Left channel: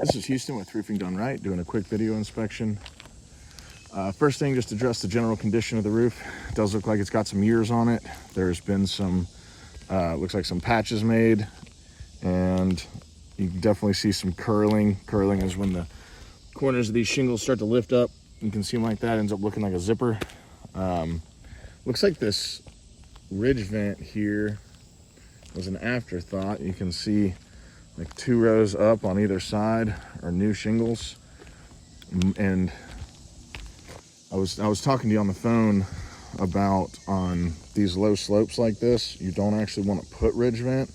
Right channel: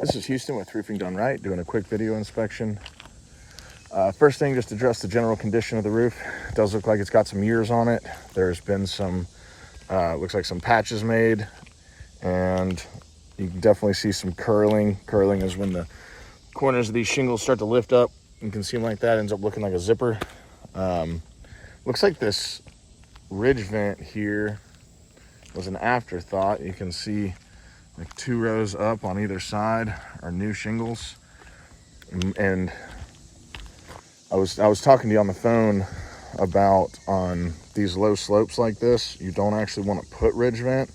This is Houston with Roofing Done Right, doing a quick video inspection. First thing, just address the general condition of the roof. It does look like it's got some years on it. There's been some, looks like some patches made, and you can definitely see some curling. Curling is when the corners of these shingles start to lift up. You can see them like that, ends up looking like a zipper. Looks like this ridge vent here was an afterthought. You can see like 2 rows up on either side are new shingles. And I was talking to you on the phone about on these low slopes like this, you don't actually want to put ridge vent,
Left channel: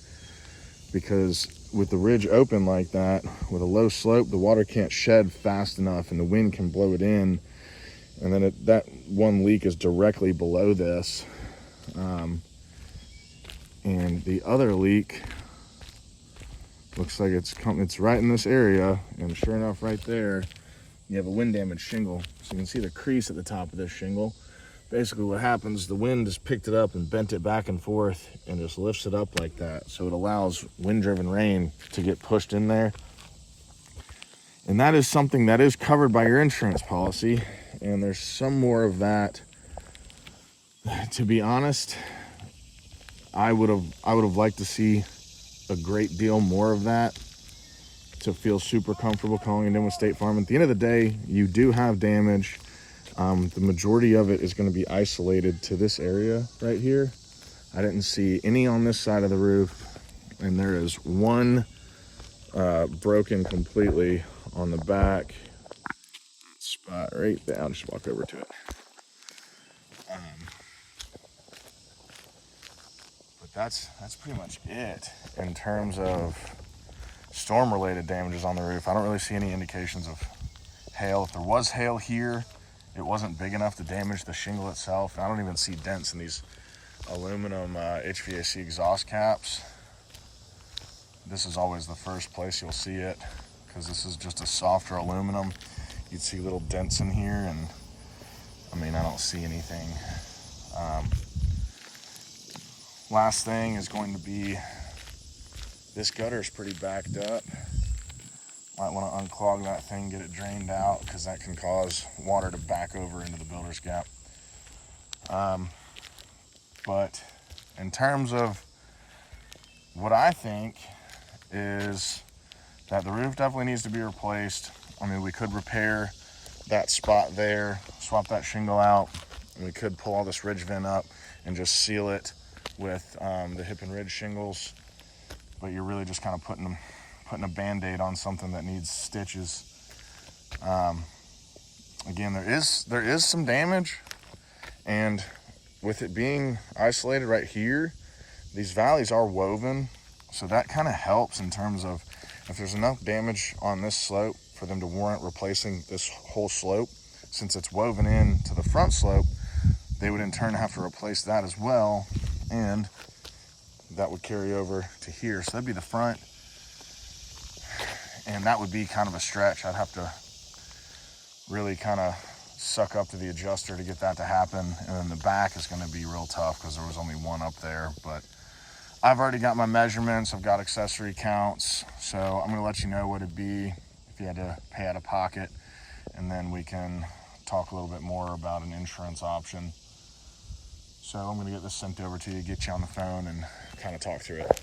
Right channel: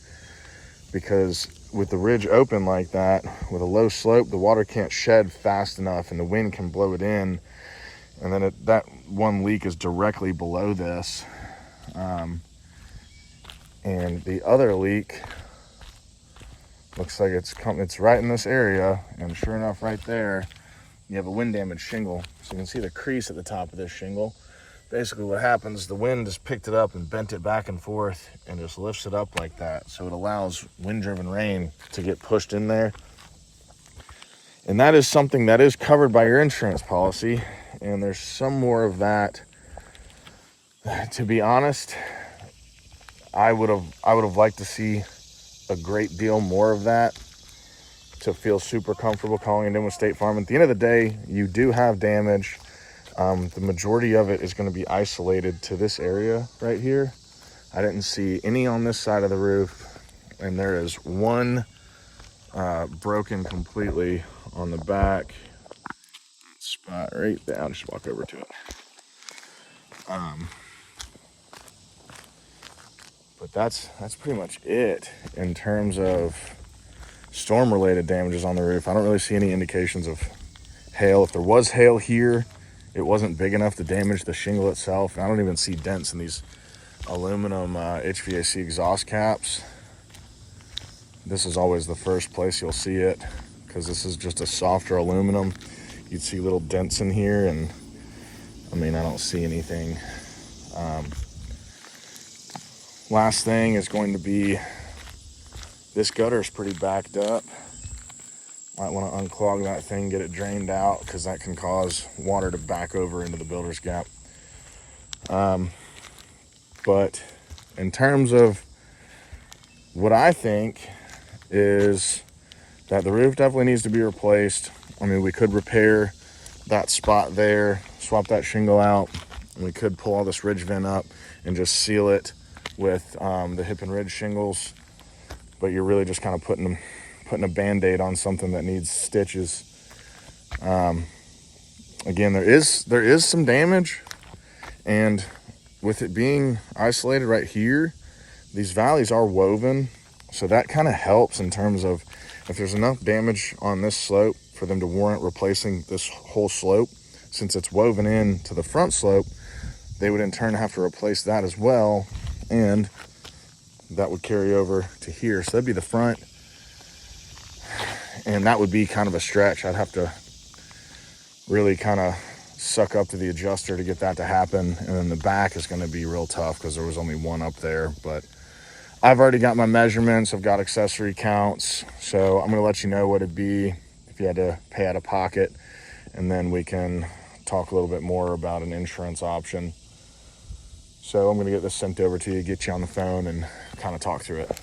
because with the ridge open like that, with a low slope, the water can't shed fast enough and the wind can blow it in. And then that one leak is directly below this. And the other leak looks like it's right in this area, and sure enough, right there, you have a wind damaged shingle. So you can see the crease at the top of this shingle. Basically what happens, the wind has picked it up and bent it back and forth and just lifts it up like that. So it allows wind-driven rain to get pushed in there. And that is something that is covered by your insurance policy. And there's some more of that. To be honest, I would have liked to see a great deal more of that to feel super comfortable calling it in with State Farm. At the end of the day, you do have damage. The majority of it is going to be isolated to this area right here. I didn't see any on this side of the roof, and there is one broken completely on the back spot right there. I'll just walk over to it. But that's pretty much it in terms of storm-related damages on the roof. I don't really see any indications of hail. If there was hail here, it wasn't big enough to damage the shingle itself. I don't even see dents in these aluminum HVAC exhaust caps. This is always the first place you'll see it, because this is just a softer aluminum. You'd see little dents in here, and I mean, I don't see anything. Last thing is going to be, this gutter is pretty backed up. Might want to unclog that thing, get it drained out, because that can cause water to back over into the builder's gap. But in terms of what I think is that the roof definitely needs to be replaced. I mean, we could repair that spot there, swap that shingle out, and we could pull all this ridge vent up and just seal it with the hip and ridge shingles. But you're really just kind of putting a band-aid on something that needs stitches. Again, there is some damage, and with it being isolated right here, these valleys are woven, so that kind of helps in terms of if there's enough damage on this slope for them to warrant replacing this whole slope. Since it's woven in to the front slope, they would in turn have to replace that as well, and that would carry over to here. So that'd be the front, and that would be kind of a stretch. I'd have to really kind of suck up to the adjuster to get that to happen. And then the back is going to be real tough because there was only one up there. But I've already got my measurements. I've got accessory counts. So I'm going to let you know what it'd be if you had to pay out of pocket. And then we can talk a little bit more about an insurance option. So I'm going to get this sent over to you, get you on the phone, and kind of talk through it.